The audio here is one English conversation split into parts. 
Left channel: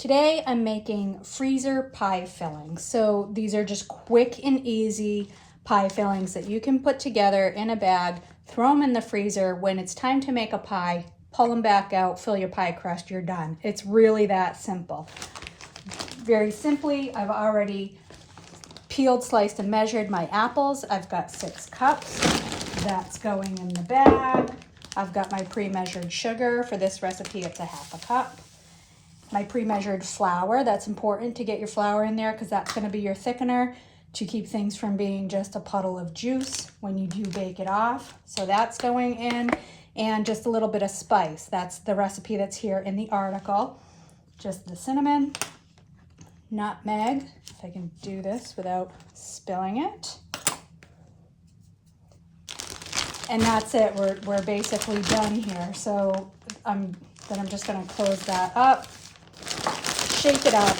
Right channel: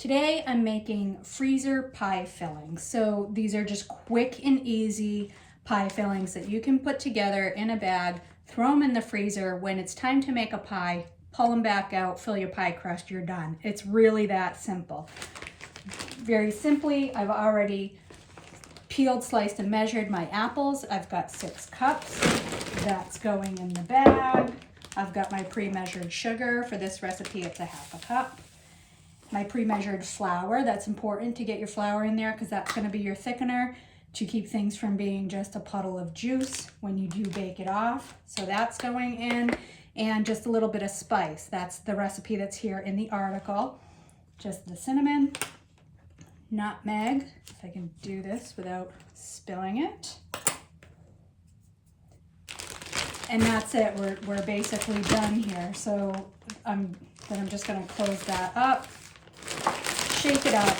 Today I'm making freezer pie fillings. So these are just quick and easy pie fillings that you can put together in a bag, throw them in the freezer. When it's time to make a pie, pull them back out, fill your pie crust, you're done. It's really that simple. Very simply, I've already peeled, sliced, and measured my apples. I've got 6 cups. That's going in the bag. I've got my pre-measured sugar. For this recipe, it's a 1/2 cup. My pre-measured flour. That's important to get your flour in there because that's going to be your thickener to keep things from being just a puddle of juice when you do bake it off. So that's going in, and just a little bit of spice. That's the recipe that's here in the article. Just the cinnamon, nutmeg, if I can do this without spilling it. And that's it. We're basically done here. So I'm just going to close that up. Shake it up,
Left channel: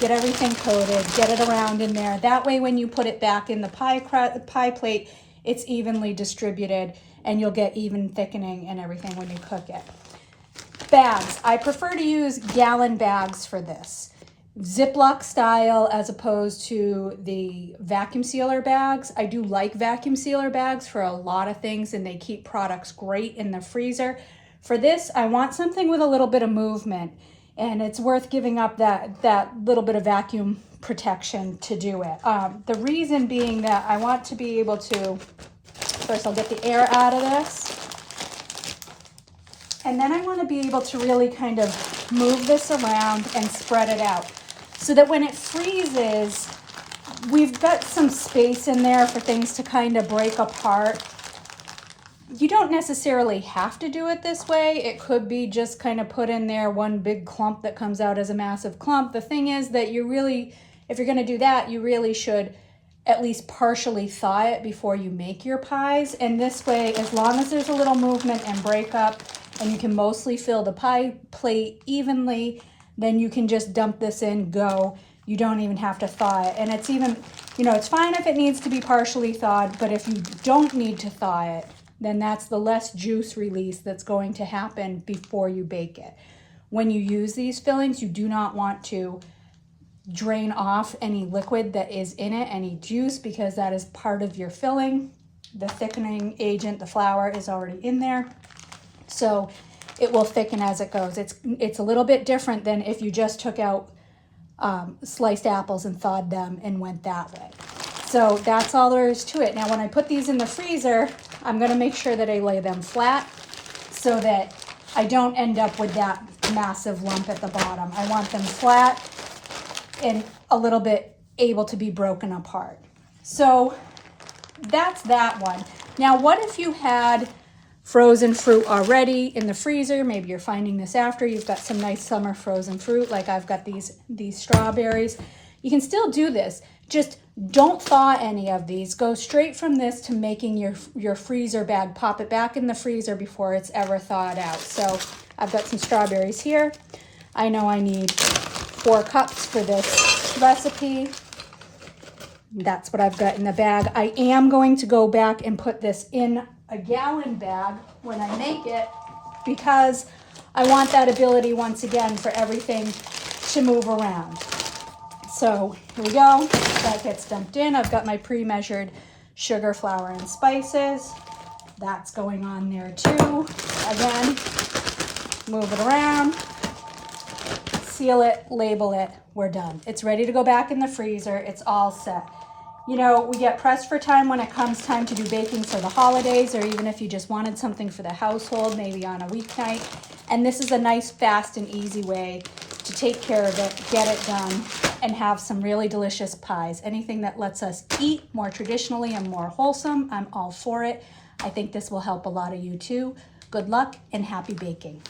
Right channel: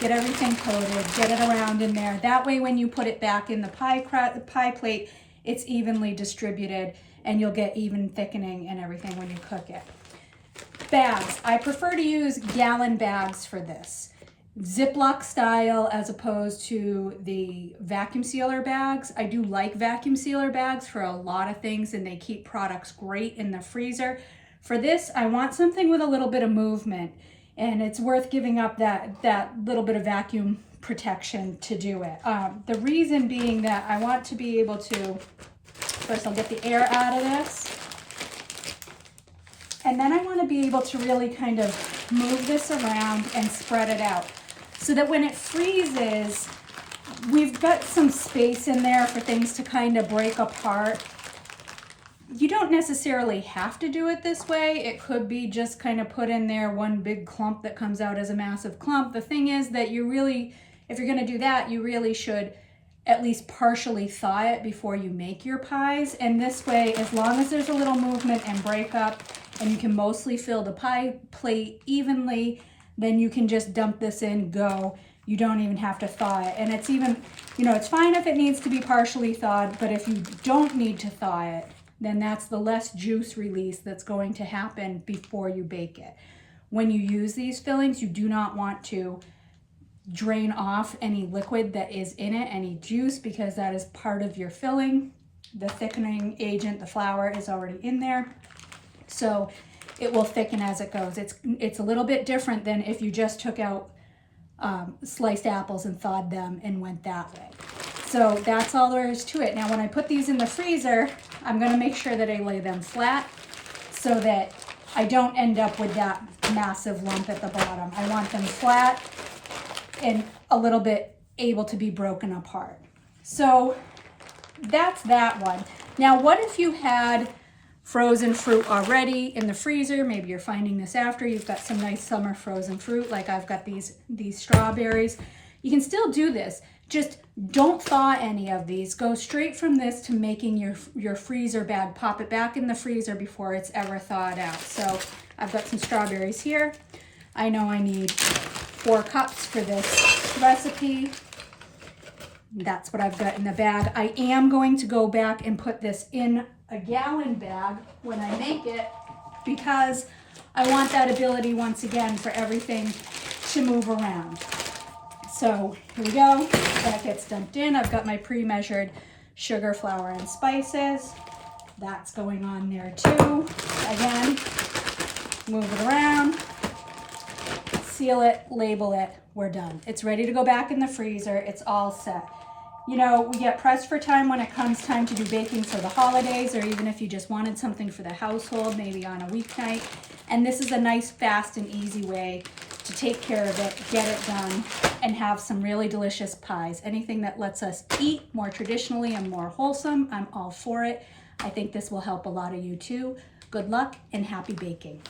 get everything coated, get it around in there. That way when you put it back in the pie plate, it's evenly distributed and you'll get even thickening and everything when you cook it. Bags. I prefer to use gallon bags for this. Ziploc style as opposed to the vacuum sealer bags. I do like vacuum sealer bags for a lot of things and they keep products great in the freezer. For this, I want something with a little bit of movement. And it's worth giving up that little bit of vacuum protection to do it. The reason being that I want to be able to, first I'll get the air out of this. And then I want to be able to really kind of move this around and spread it out. So that when it freezes, we've got some space in there for things to kind of break apart. You don't necessarily have to do it this way. It could be just kind of put in there one big clump that comes out as a massive clump. The thing is that you really, if you're going to do that, you really should at least partially thaw it before you make your pies. And this way, as long as there's a little movement and break up and you can mostly fill the pie plate evenly, then you can just dump this in, go. You don't even have to thaw it. And it's even, it's fine if it needs to be partially thawed, but if you don't need to thaw it, then that's the less juice release that's going to happen before you bake it. When you use these fillings, you do not want to drain off any liquid that is in it, any juice, because that is part of your filling. The thickening agent, the flour, is already in there. So it will thicken as it goes. It's a little bit different than if you just took out sliced apples and thawed them and went that way. So that's all there is to it. Now when I put these in the freezer, I'm going to make sure that I lay them flat so that I don't end up with that massive lump at the bottom. I want them flat and a little bit able to be broken apart. So that's that one. Now what if you had frozen fruit already in the freezer? Maybe you're finding this after. You've got some nice summer frozen fruit, like I've got these strawberries. You can still do this. Just don't thaw any of these. Go straight from this to making your freezer bag. Pop it back in the freezer before it's ever thawed out. So I've got some strawberries here. I know I need 4 cups for this recipe. That's what I've got in the bag. I am going to go back and put this in a gallon bag when I make it because I want that ability once again for everything to move around. So here we go. That gets dumped in. I've got my pre-measured sugar, flour, and spices. That's going on there too. Again, move it around, seal it, label it, we're done. It's ready to go back in the freezer. It's all set. We get pressed for time when it comes time to do baking for the holidays, or even if you just wanted something for the household, maybe on a weeknight. And this is a nice, fast, and easy way to take care of it, get it done, and have some really delicious pies. Anything that lets us eat more traditionally and more wholesome, I'm all for it. I think this will help a lot of you too. Good luck and happy baking.